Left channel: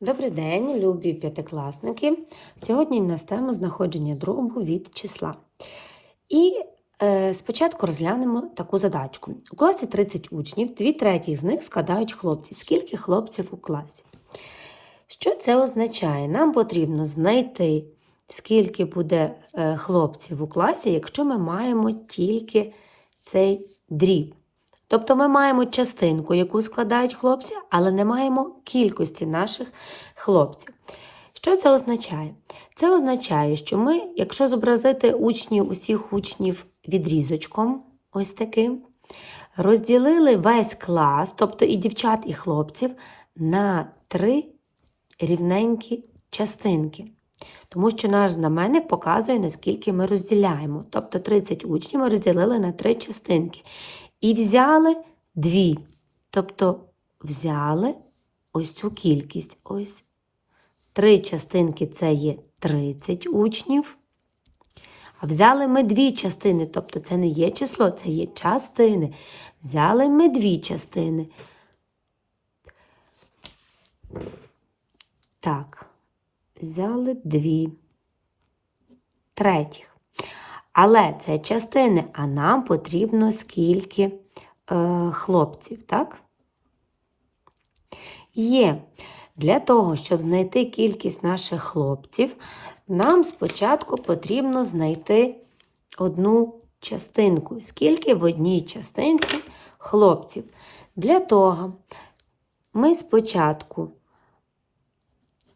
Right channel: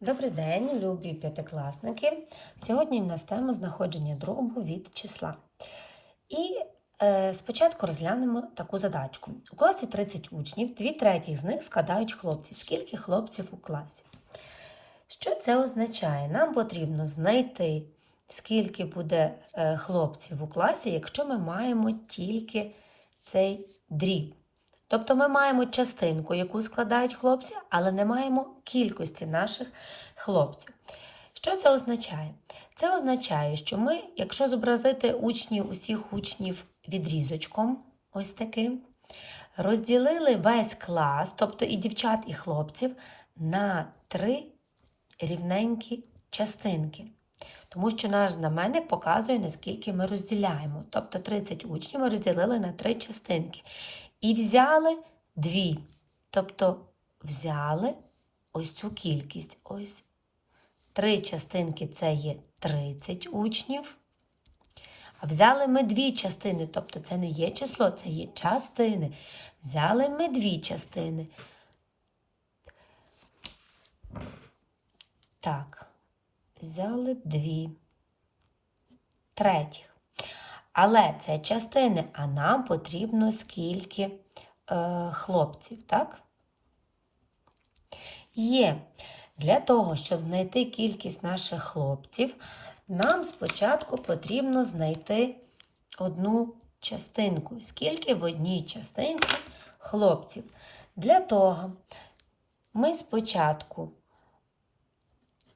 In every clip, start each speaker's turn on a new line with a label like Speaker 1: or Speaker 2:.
Speaker 1: Добрий день, любі п'ятикласники. Сьогодні в нас тема знаходження дробу від числа. І е, спочатку розглянемо таку задачку. У класі 30 учнів, дві треті з них складають хлопці. Скільки хлопців у класі? Що це означає? Нам потрібно знайти, скільки буде е, хлопців у класі, якщо ми маємо тільки цей дріб. Тобто ми маємо частинку, яку складають хлопці, але не маємо кількості наших хлопців. Що це означає? Це означає, що ми, якщо зобразити учнів, усіх учнів відрізочком, ось таким, розділили весь клас, тобто і дівчат, і хлопців, на три рівненькі частинки. Тому що наш знаменник показує, наскільки ми розділяємо. Тобто 30 учнів ми розділили на три частинки. І взяли дві. Тобто взяли ось цю кількість. Ось. Три частинки це є 30 учнів. А взяли ми дві частини, тобто це не є число, це є частини. Взяли ми дві частини. Так, взяли дві третіх. Але це частини, а нам потрібно скільки е, хлопців, так? Є. Для того, щоб знайти кількість наших хлопців, нам спочатку потрібно знайти одну частинку. Скільки в одній частинці хлопців. Для того ми спочатку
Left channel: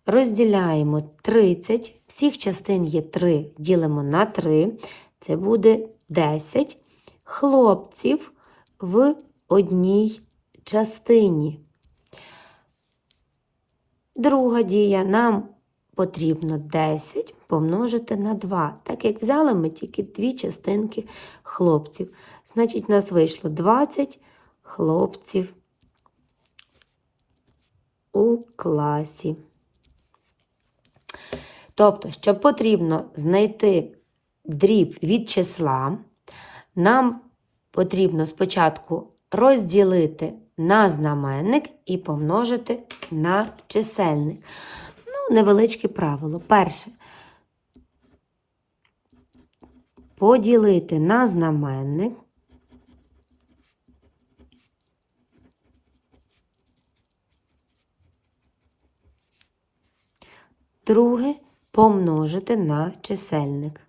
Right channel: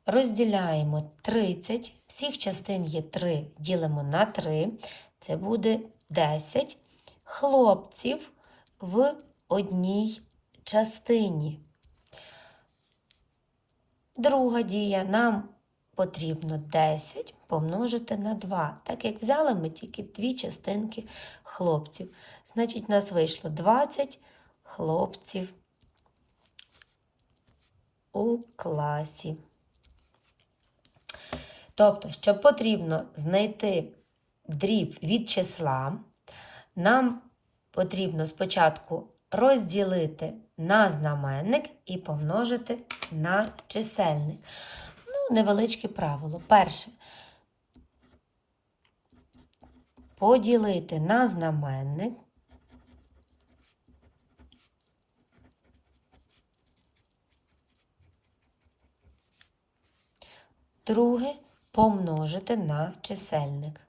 Speaker 1: розділяємо 30, всіх частин є 3, ділимо на 3, це буде 10 хлопців в одній частині. Друга дія нам потрібно 10 помножити на 2. Так як взяли ми тільки дві частинки хлопців. Значить, у нас вийшло 20 хлопців у класі. Тобто, що потрібно знайти дріб від числа, нам потрібно спочатку розділити на знаменник і помножити на чисельник. Ну, невеличке правило. Перше. Поділити на знаменник. Друге помножити на чисельник.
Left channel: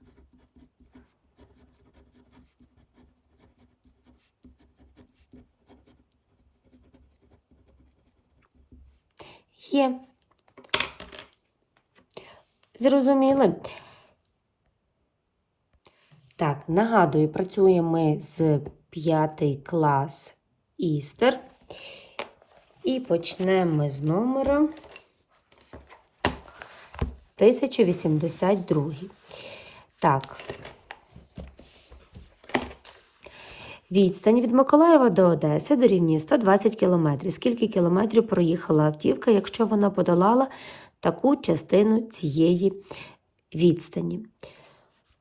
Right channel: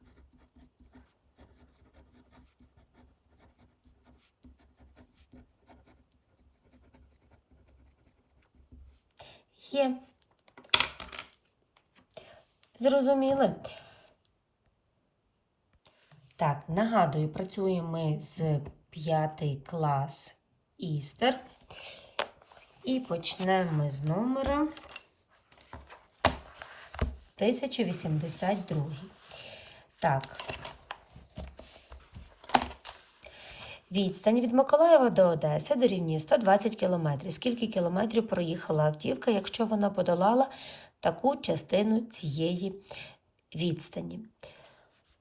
Speaker 1: Є. Зрозуміли? Так, нагадую, працюємо ми з 5 клас Істер. І почнемо ми з номера 1082. Так. Відстань від Миколаєва до Одеси дорівнює 120 км. Скільки кілометрів проїхала автівка, якщо вона подолала таку частину цієї відстані?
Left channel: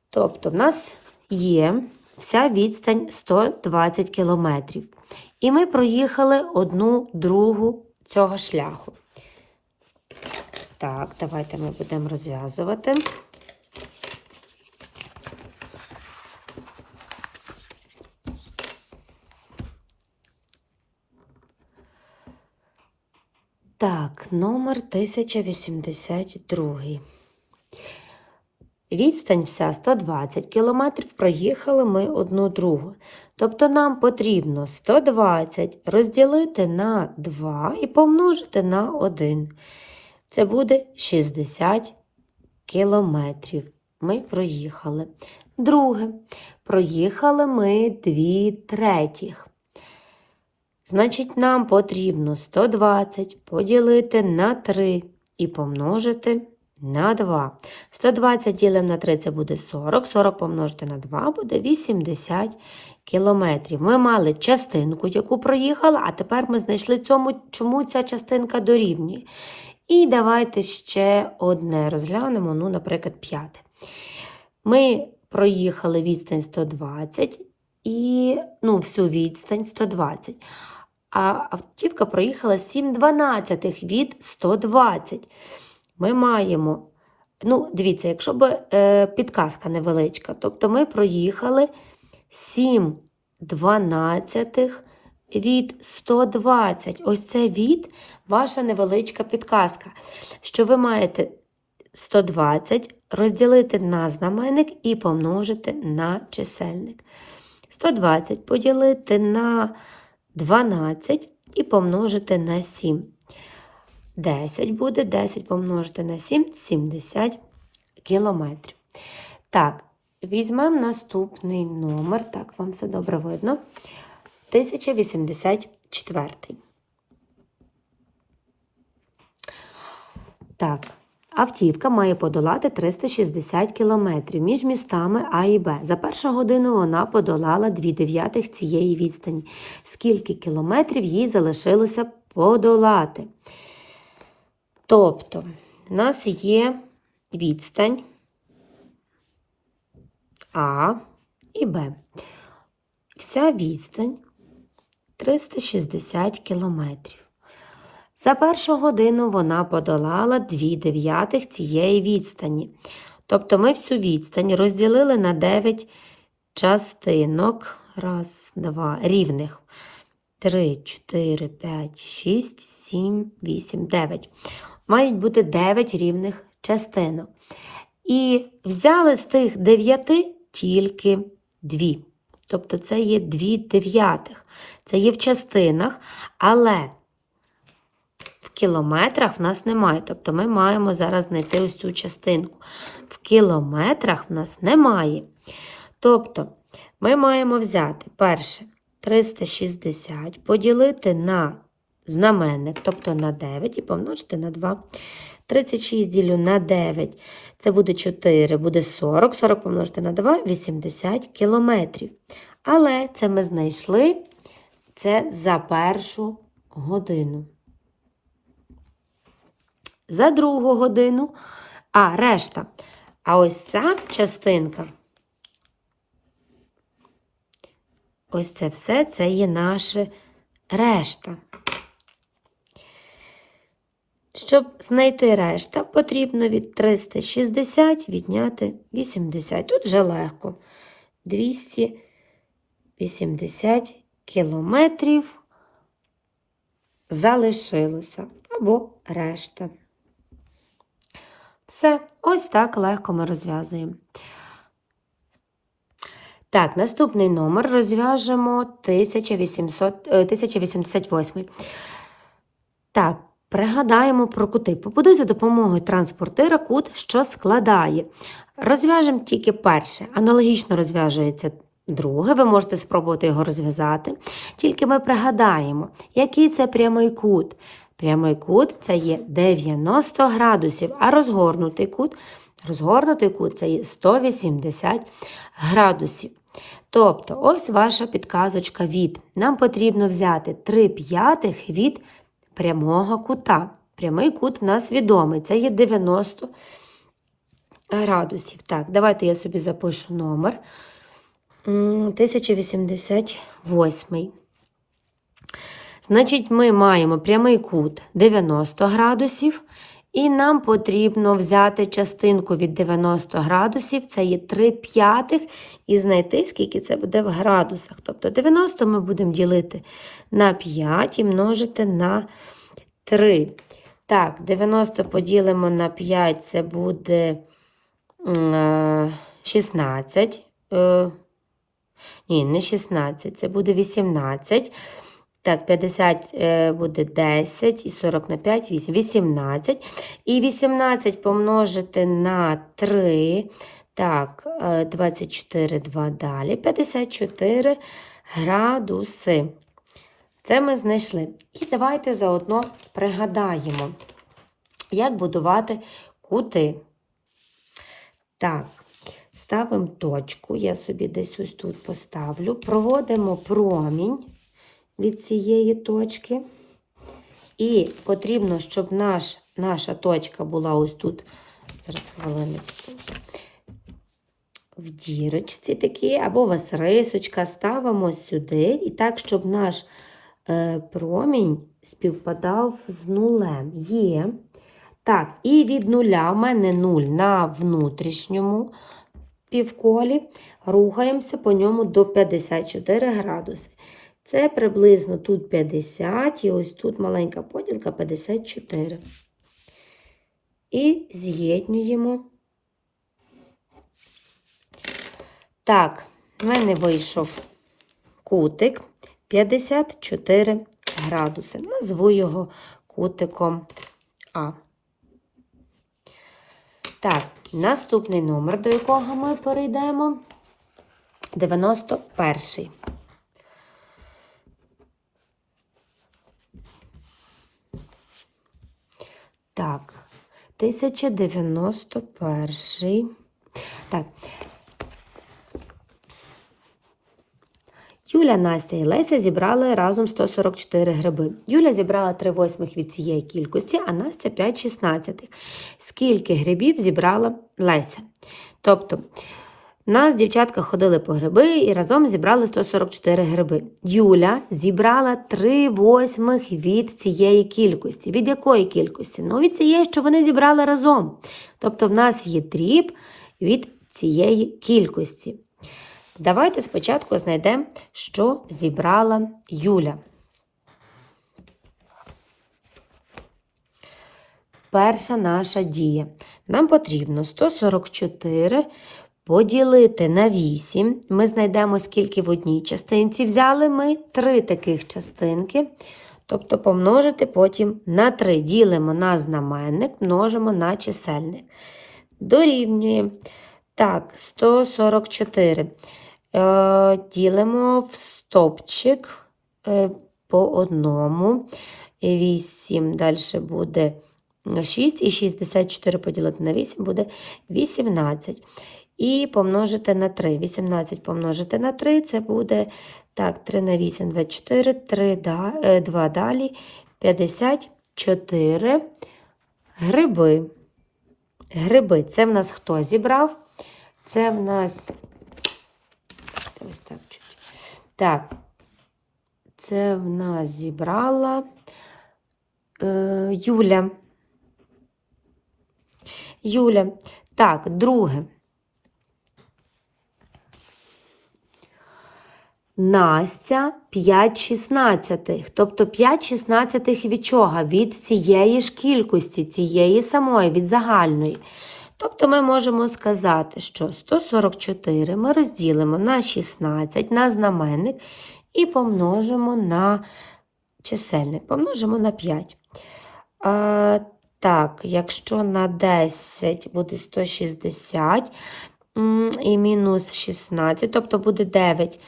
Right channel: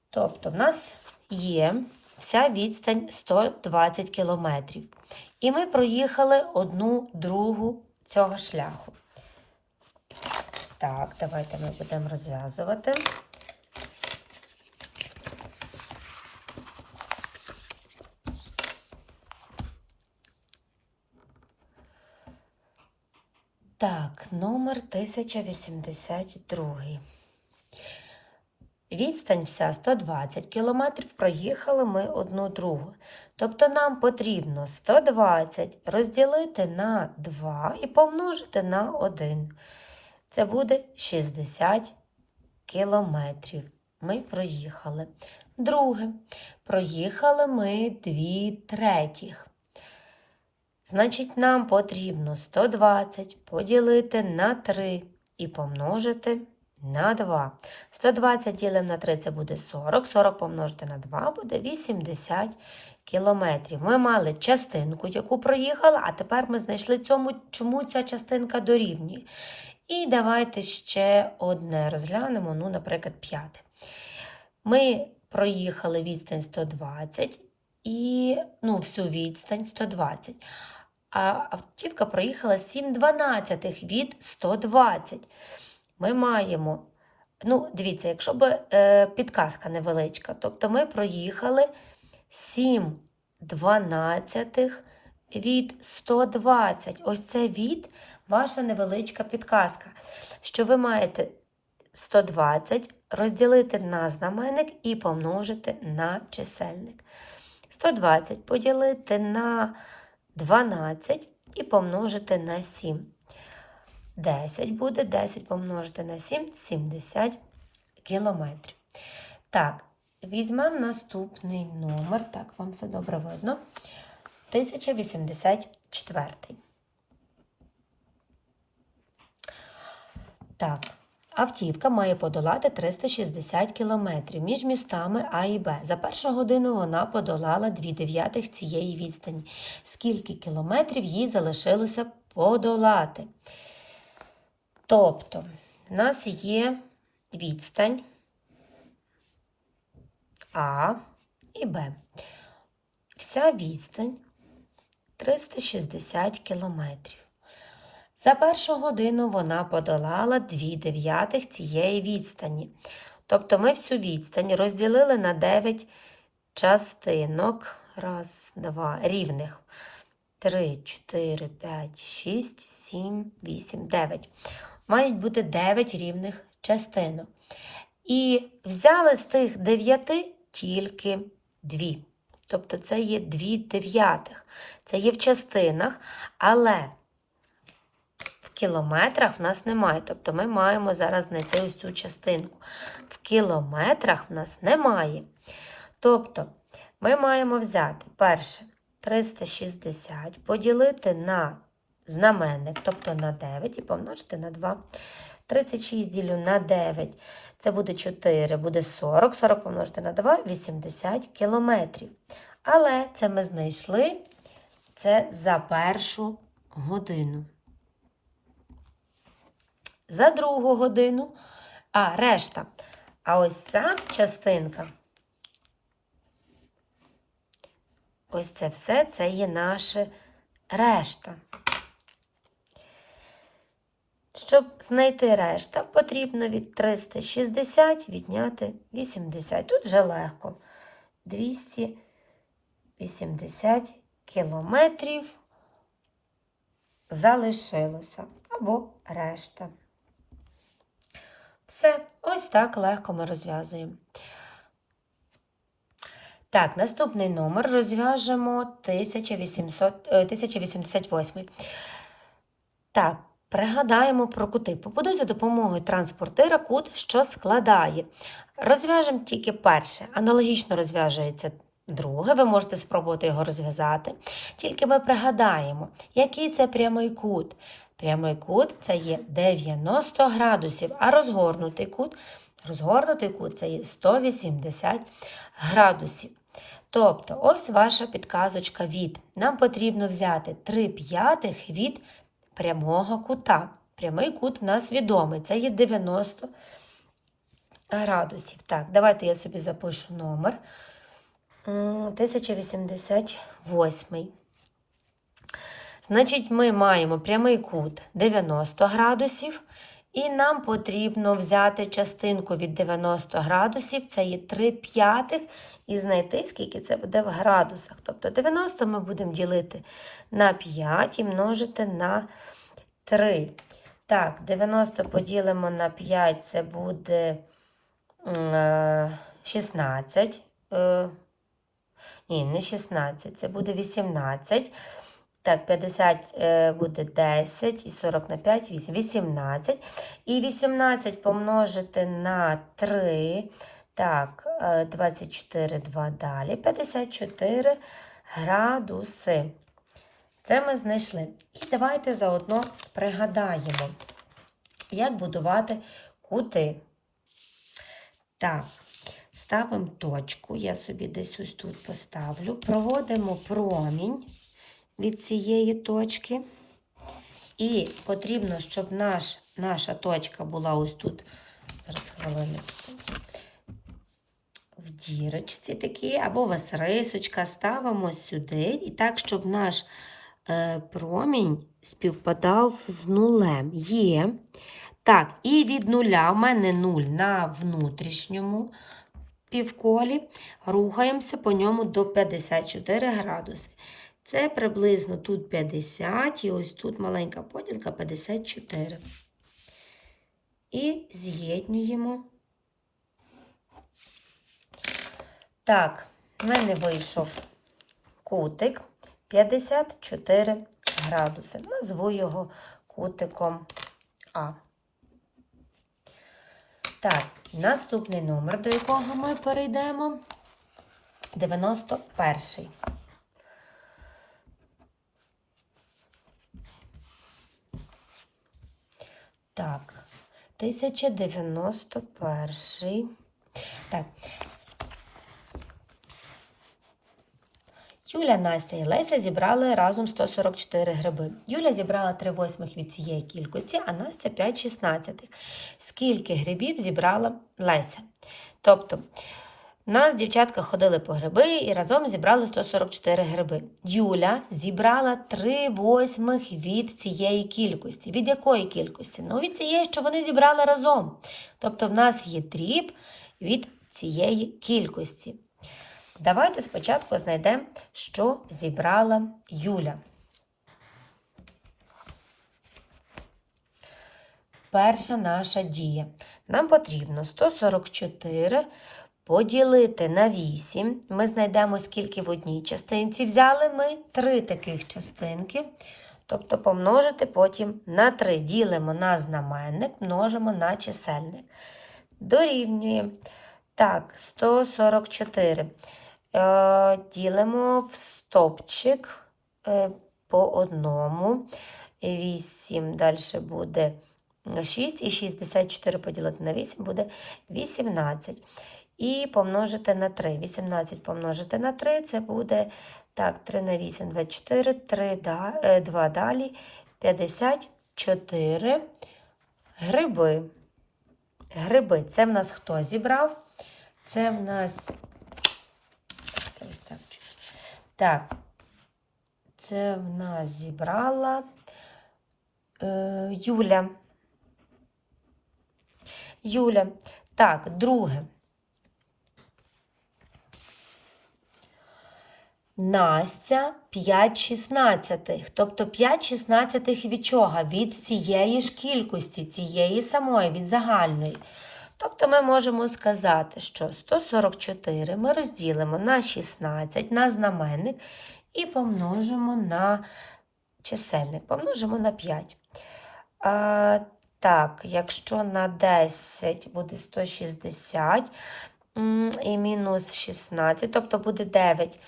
Speaker 1: Тобто, в нас є вся відстань 120 км. І ми проїхали одну другу цього шляху. Так, давайте ми будемо розв'язувати. Так, номер 1082. Відстань вся 120 км, проїхали ми одну другу. Тобто нам потрібно 120 розділити на 2 і помножити на 1. Це буде 60 кілометрів. Ми проїхали. Друге, проїхали ми 2 третіх. Значить, нам потрібно 120 поділити на 3 і помножити на 2. 120 ділимо на 3 це буде 40. 40 помножити на 2 буде 80 кілометрів. Ми мали частинку, яку проїхали, а тепер ми знайшли цьому, чому ця частинка дорівнює. І давайте ще одне розглянемо, ну, наприклад, п'яте. Ми проїхали відстань 120 і ну, всю відстань 120. А автівка проїхала 7 дванадцятих від 120. Ми маємо, ну, дивіться, якщо б е, підказка невеличка, тобто ми проїхали 7 дванадцятих від 120. Ось це від ваша невеличка підказка, що ви маєте 120 розділити на знаменник і помножити на чисельник. 120 поділити на 12 і помножити на 7. 10 буде, 10 помножити на 7 70 кілометрів. Так, візьмемо наступний номер, так, вам все добре видно. 1084. Так, автівка має подолати 360 кілометрів між містами А і Б. За першу годину вона подолала 2 дев'ятих цієї відстані. Скільки кілометрів їй залишилося подолати? Тобто, в нас є відстань А і Б. Вся відстань 360 кілометрів. За першу годину вона подолала 2 дев'ятих цієї відстані. Тобто ми всю відстань розділили на 9 частинок. Раз, два, рівних. 3, 4, 5, 6, 7, 8, 9. Мають бути 9 рівних частинок. І взяли з тих 9 тільки 2. Тобто це є 2 дев'ятих. Це є в частинах, але кілометрах в нас немає. Тобто ми маємо зараз знайти ось цю частинку. В кілометрах в нас немає. Тобто ми маємо взяти перше 360, поділити на знаменник, тобто на 9 і помножити на 2. 36 ділю на 9. Це буде 4, буде 40. 40 помножити на 2 80 кілометрів. Але це ми знайшли це за першу годину. За другу годину, а решта. А ось ця частинка, ось це все, це є наше решта. Щоб знайти решта, потрібно від 360 відняти 80. Тут вже легко. 280 кілометрів залишилося або решта. Все, ось так легко ми розв'язуємо. Так, наступний номер розв'яжемо 1800, е, 1088. Так, пригадаємо про кути. Побудуй за допомогою транспортира кут, що складає. Розв'яжемо тільки перше. Аналогічно розв'яжується друге. Ви можете спробувати його розв'язати. Тільки ми пригадаємо, який це прямий кут. Прямий кут це є 90 градусів, а розгорнутий кут, розгорнутий кут це є 180 градусів. Тобто, ось ваша підказочка від. Нам потрібно взяти 3 п'ятих від прямого кута. Прямий кут в нас відомий, це є 90 градусів. Так, давайте я собі запишу номер. 1088. Значить, ми маємо прямий кут 90 градусів, і нам потрібно взяти частинку від 90 градусів, це є 3 п'ятих, і знайти, скільки це буде в градусах. Тобто 90 ми будемо ділити на 5 і множити на 3. Так, 90 поділимо на 5, це буде 16. Ні, не 16, це буде 18. Так, 50 буде 10 і 40 на 5, 8, 18. І 18 помножити на 3. Так, 24, 2 далі. 54 градуси. Це ми знайшли. І давайте заодно пригадаємо, як будувати кути. Так, ставимо точку, я собі десь ось тут поставлю, проводимо промінь від цієї точки. І потрібно, щоб наш, наша точка була ось тут, зараз хвилиночку, в дірочці такі, або вас рисочка, ставимо сюди, і так, щоб наш е, промінь співпадав з нулем. Є. Так, і від нуля в мене 0 на внутрішньому півколі. Рухаємося по ньому до 54 градуси. Це приблизно тут 50, і ось тут маленька поділка 54. І з'єднуємо. Так, в мене вийшов кутик 54 градуси. Назву його кутиком А. Так, наступний номер, до якого ми перейдемо. 91. Так, 1091. Так. Юля, Настя і Леся зібрали разом 144 гриби. Юля зібрала 3 восьмих від цієї кількості, а Настя 5 шістнадцятих. Скільки грибів зібрала Леся? Тобто, нас дівчатка ходили по гриби і разом зібрали 144 гриби. Юля зібрала 3 восьмих від цієї кількості. Від якої кількості? Ну, від цієї, що вони зібрали разом. Тобто, в нас є дріб від цієї кількості. Давайте спочатку знайдемо, що зібрала Юля. Перша наша дія. Нам потрібно 144 поділити на 8. Ми знайдемо, скільки в одній частинці взяли ми три таких частинки. Тобто помножити потім на 3. Ділимо на знаменник, множимо на чисельник. Дорівнює. Так, 144. Е, Ділимо в стовпчик е, по одному. 8, далі буде 6, і 64 поділити на 8 буде 18. І помножити на 3. 18 помножити на 3, це буде так, 3 на 8, 24, 3, 2 далі, 54 гриби. Гриби. Це в нас хто зібрав? Це в нас. Ось так чуть. Так, це в нас зібрала е, Юля. Юля. Так, друге. Настя 5 шістнадцятих. Тобто 5 шістнадцятих від чого? Від цієї ж кількості, цієї самої, від загальної. Тобто ми можемо сказати, що 144 ми розділимо на 16 на знаменник і помножимо на чисельник, помножимо на 5. А, Так, якщо на 10 буде 160 і мінус 16, тобто буде 9.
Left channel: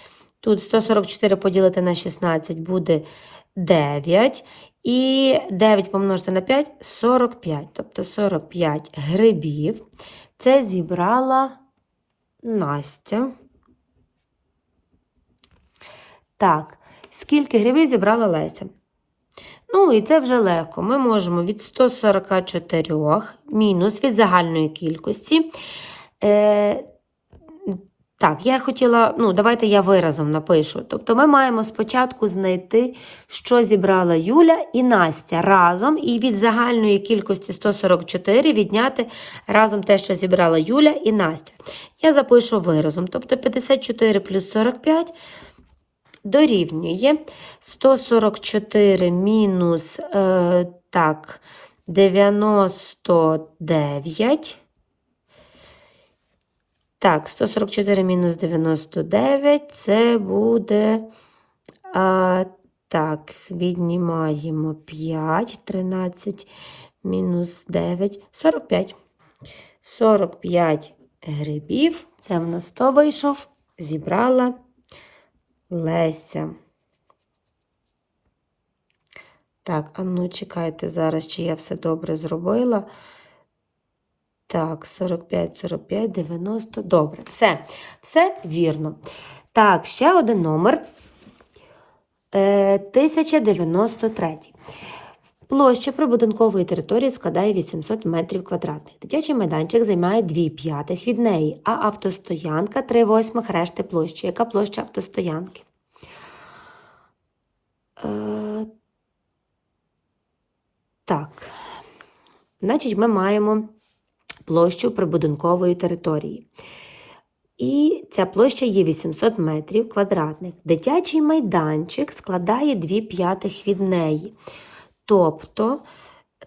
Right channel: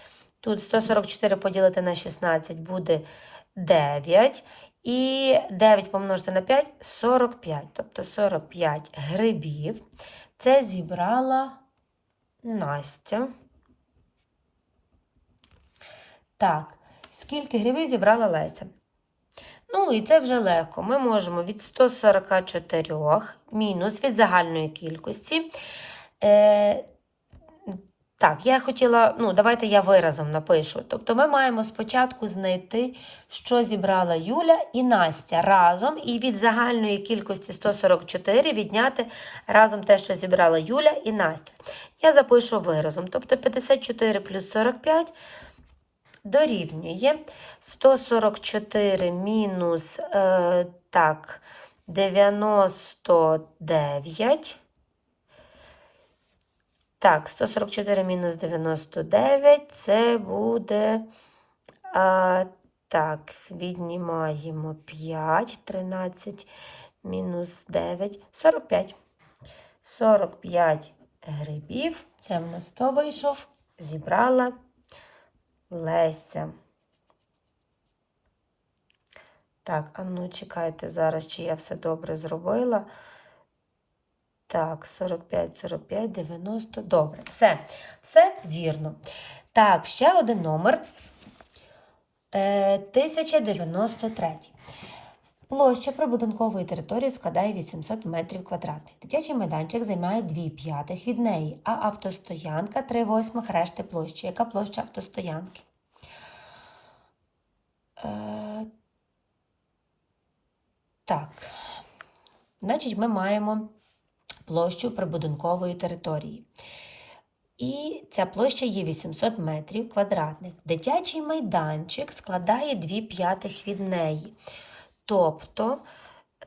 Speaker 1: Тут 144 поділити на 16 буде 9. І 9 помножити на 5 45. Тобто 45 грибів. Це зібрала Настя. Так, скільки грибів зібрала Леся? Ну, і це вже легко. Ми можемо від 144 мінус від загальної кількості. Так, я хотіла, ну, давайте я виразом напишу. Тобто ми маємо спочатку знайти, що зібрала Юля і Настя разом, і від загальної кількості 144 відняти разом те, що зібрала Юля і Настя. Я запишу виразом. Тобто 54 плюс 45 дорівнює 144 мінус е, так, 99. Так, 144 мінус 99 це буде. А, Так, віднімаємо 5, 13 мінус 9, 45. 45 грибів. Це в нас 100 вийшов, зібрала Леся. Так, а ну чекайте зараз, чи я все добре зробила. Так, 45, 45, 90. Добре, все, все вірно. Так, ще один номер. Е, 1093. Площа прибудинкової території складає 800 метрів квадратних. Дитячий майданчик займає 2 п'ятих від неї, а автостоянка 3 восьмих решти площі. Яка площа автостоянки? Е, Так, значить, ми маємо площу прибудинкової території. І ця площа є 800 метрів квадратних. Дитячий майданчик складає 2 п'ятих від неї. Тобто,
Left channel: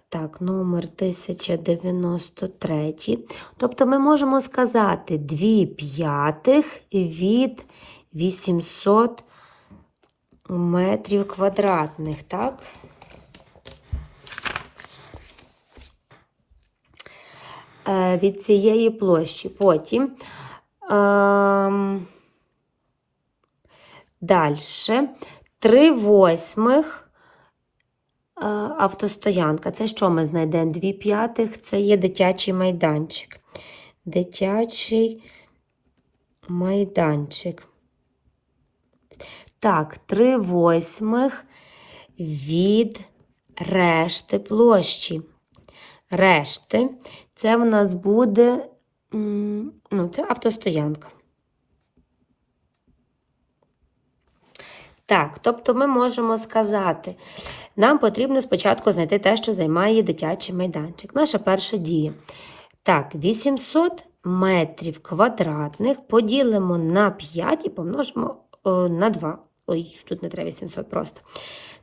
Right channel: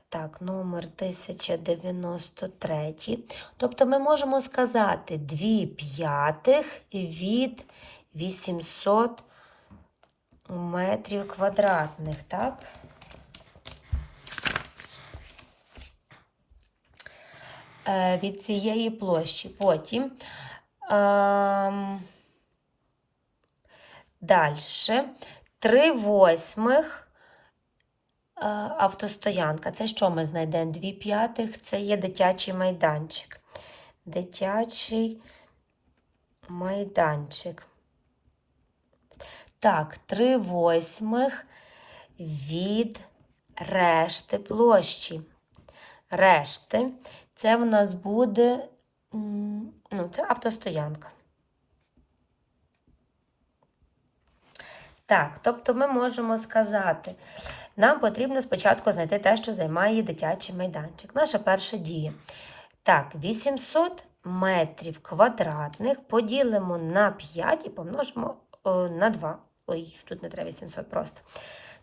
Speaker 1: так, номер 1093. Тобто ми можемо сказати 2 п'ятих від 800 метрів квадратних, так? Від цієї площі. Потім ем, далі 3 восьмих е, автостоянка. Це що ми знайдемо? 2 п'ятих це є дитячий майданчик. Дитячий майданчик. Так, 3 восьмих від решти площі. Решти це в нас буде ну, це автостоянка. Так, тобто ми можемо сказати, нам потрібно спочатку знайти те, що займає дитячий майданчик. Наша перша дія. Так, 800 метрів квадратних поділимо на 5 і помножимо о, на 2. Ой, тут не треба 800 просто.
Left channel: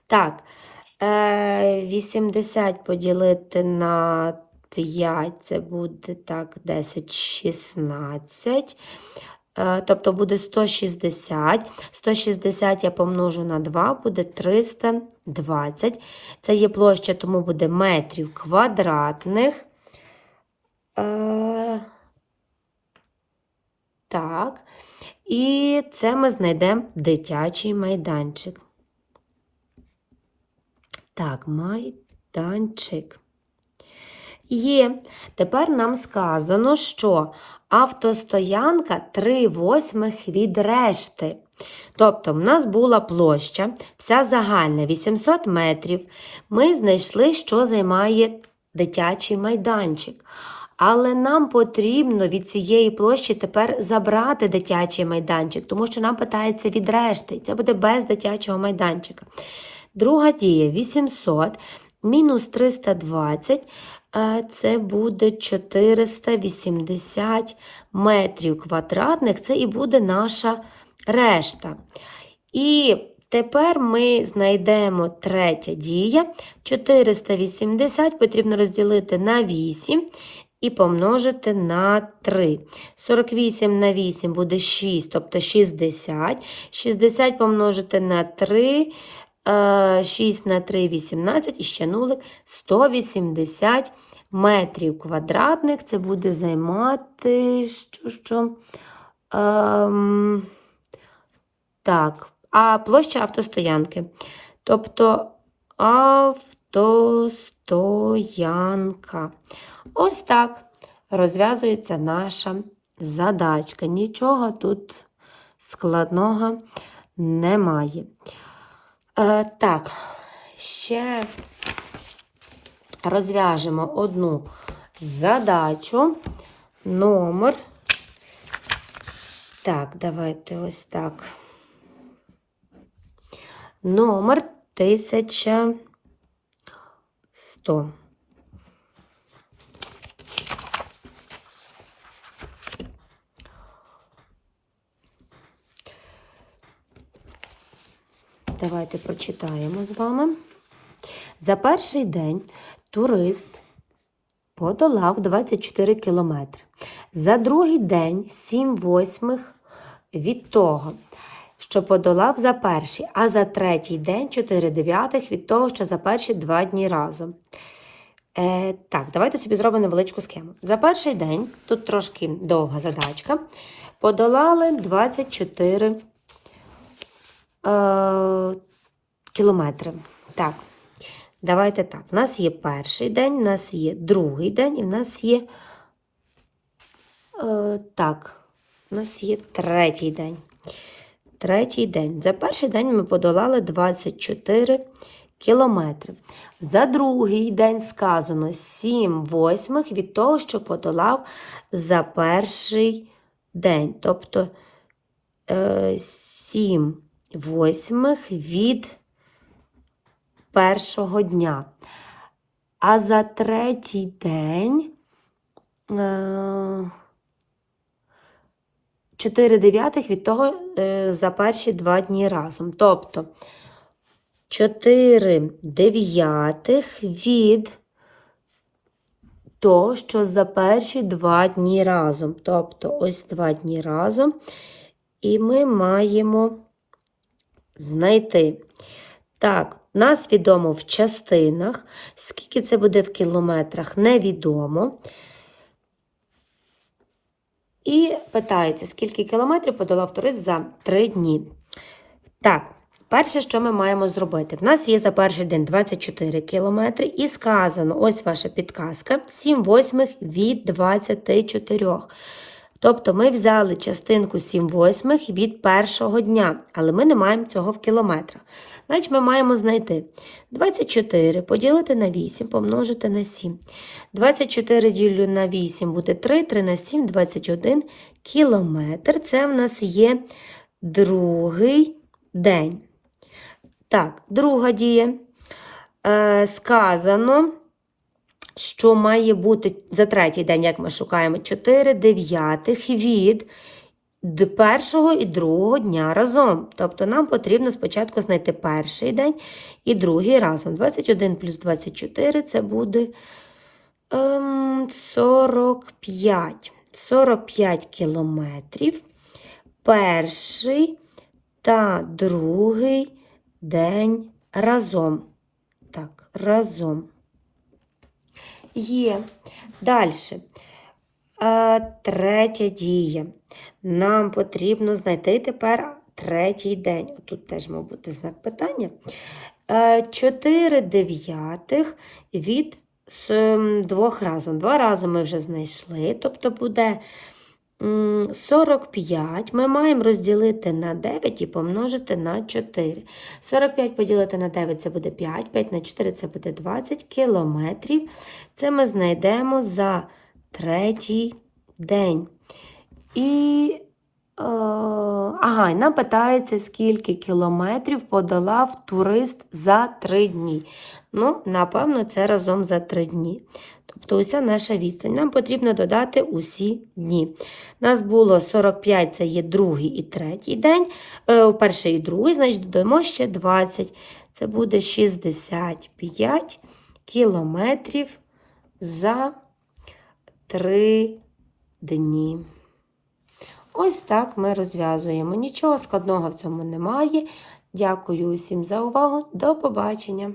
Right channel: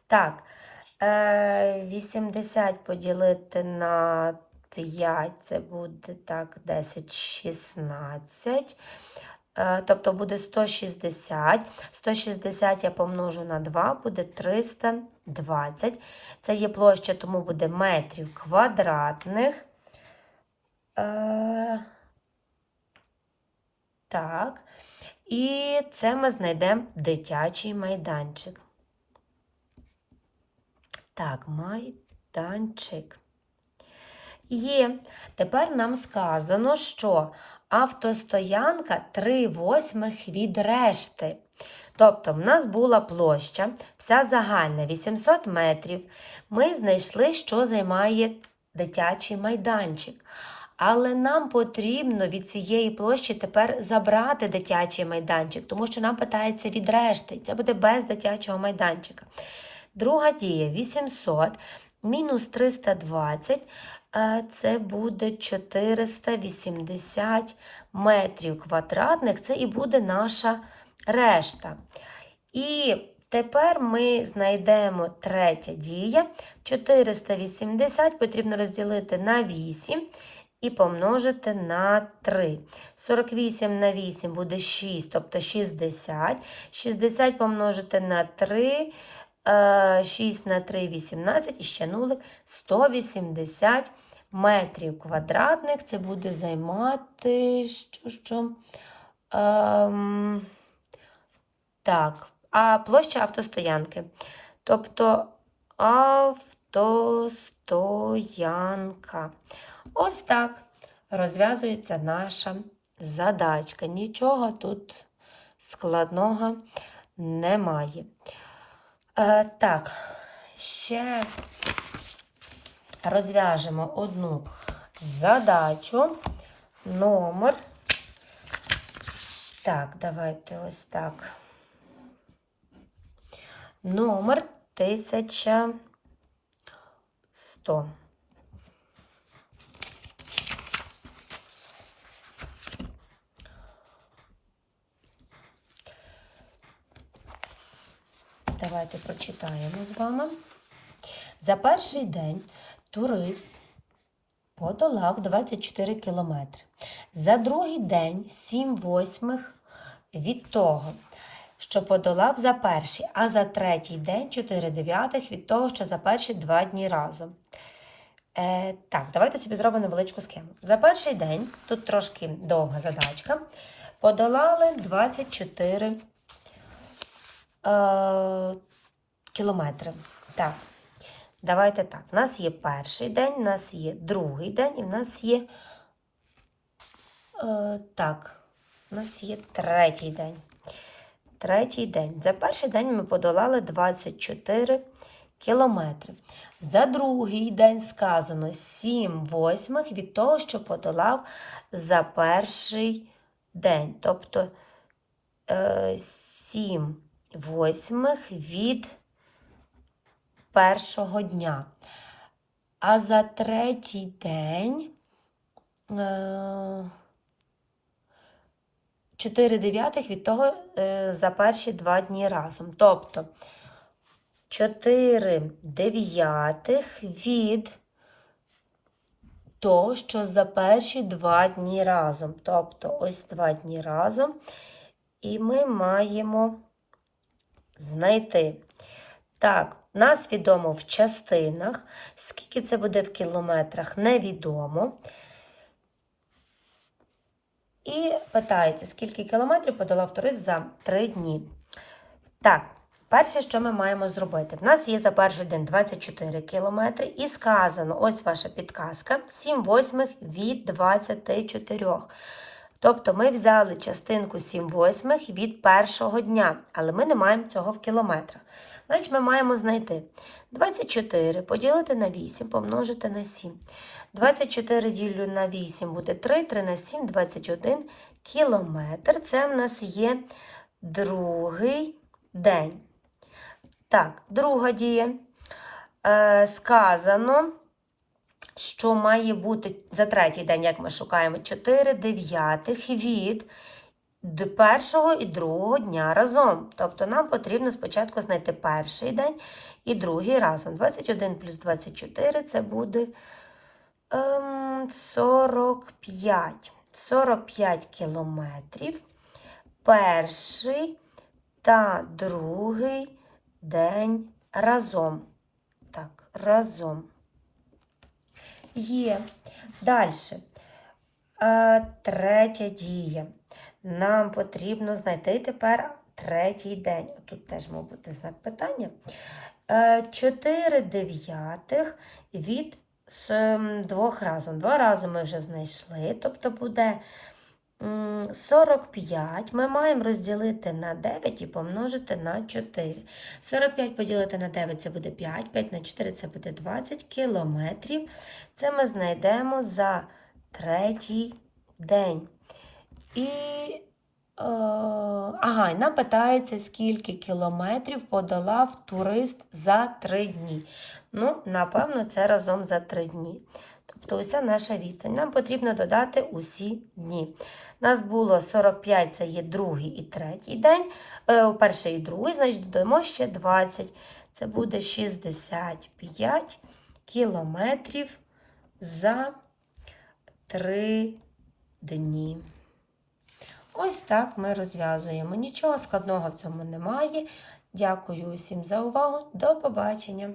Speaker 1: Так, е, 80 поділити на 5, це буде так, 10, 16. Е, Тобто буде 160. 160 я помножу на 2, буде 320. Це є площа, тому буде метрів квадратних. Е, Так. І це ми знайдемо дитячий майданчик. Так, майданчик. Є. Тепер нам сказано, що автостоянка 3 восьмих від решти. Тобто, в нас була площа, вся загальна 800 метрів. Ми знайшли, що займає дитячий майданчик. Але нам потрібно від цієї площі тепер забрати дитячий майданчик, тому що нам питається від решти. Це буде без дитячого майданчика. Друга дія 800 мінус 320 е, це буде 480 метрів квадратних. Це і буде наша решта. І тепер ми знайдемо третя дія. 480 потрібно розділити на 8 і помножити на 3. 48 на 8 буде 6, тобто 60. 60 помножити на 3, 6 на 3 18 і ще нулик 180 метрів квадратних. Це буде займати що, що? Ем, так, а площа автостоянки. Тобто автостоянка. Ось так розв'язується наша задачка. Нічого тут складного немає. Е, так, ще розв'яжемо одну задачу. Номер. Так, давайте ось так. Номер 1100. Давайте прочитаємо з вами. За перший день турист подолав 24 кілометри. За другий день 7 восьмих від того, що подолав за перший, а за третій день 4 дев'ятих від того, що за перші два дні разом. Е, Так, давайте собі зробимо невеличку схему. За перший день, тут трошки довга задачка, подолали 24 е, кілометри. Так, давайте так. У нас є перший день, у нас є другий день і в нас є. Е, так, у нас є третій день. Третій день. За перший день ми подолали 24 кілометри. За другий день сказано 7 восьмих від того, що подолав за перший день. Тобто е, 7 восьмих від першого дня. А за третій день е, 4 дев'ятих від того е, за перші два дні разом. Тобто 4 дев'ятих від того, що за перші два дні разом. Тобто ось два дні разом. І ми маємо знайти. Так, нас відомо в частинах. Скільки це буде в кілометрах, невідомо. І питається, скільки кілометрів подолав турист за 3 дні. Так, перше, що ми маємо зробити? В нас є за перший день 24 кілометри, і сказано, ось ваша підказка, 7 восьмих від 24. Тобто ми взяли частинку 7 восьмих від першого дня, але ми не маємо цього в кілометрах. Значить, ми маємо знайти 24 поділити на 8, помножити на 7. 24 ділю на 8 буде 3, 3 на 7, 21 кілометр. Це в нас є другий день. Так, друга дія. Е, сказано, що має бути за третій день, як ми шукаємо, 4 дев'ятих від першого і другого дня разом. Тобто нам потрібно спочатку знайти перший день і другий разом. 21 плюс 24 це буде ем, 45. 45 кілометрів. Перший та другий день разом. Так, разом. Є. Далі. Третя дія. Нам потрібно знайти тепер третій день. Тут теж мав бути знак питання. 4 дев'ятих від двох разом. Два рази ми вже знайшли, тобто буде 45. Ми маємо розділити на 9 і помножити на 4. 45 поділити на 9 це буде 5, 5 на 4 це буде 20 кілометрів. Це ми знайдемо за третій день. І е, ага, і нам питається, скільки кілометрів подолав турист за 3 дні. Ну, напевно, це разом за 3 дні. Тобто уся наша відстань. Нам потрібно додати усі дні. Нас було 45, це є другий і третій день, е, перший і другий, значить додамо ще 20. Це буде 65 кілометрів за 3 дні. Ось так ми розв'язуємо. Нічого складного в цьому немає. Дякую усім за увагу. До побачення!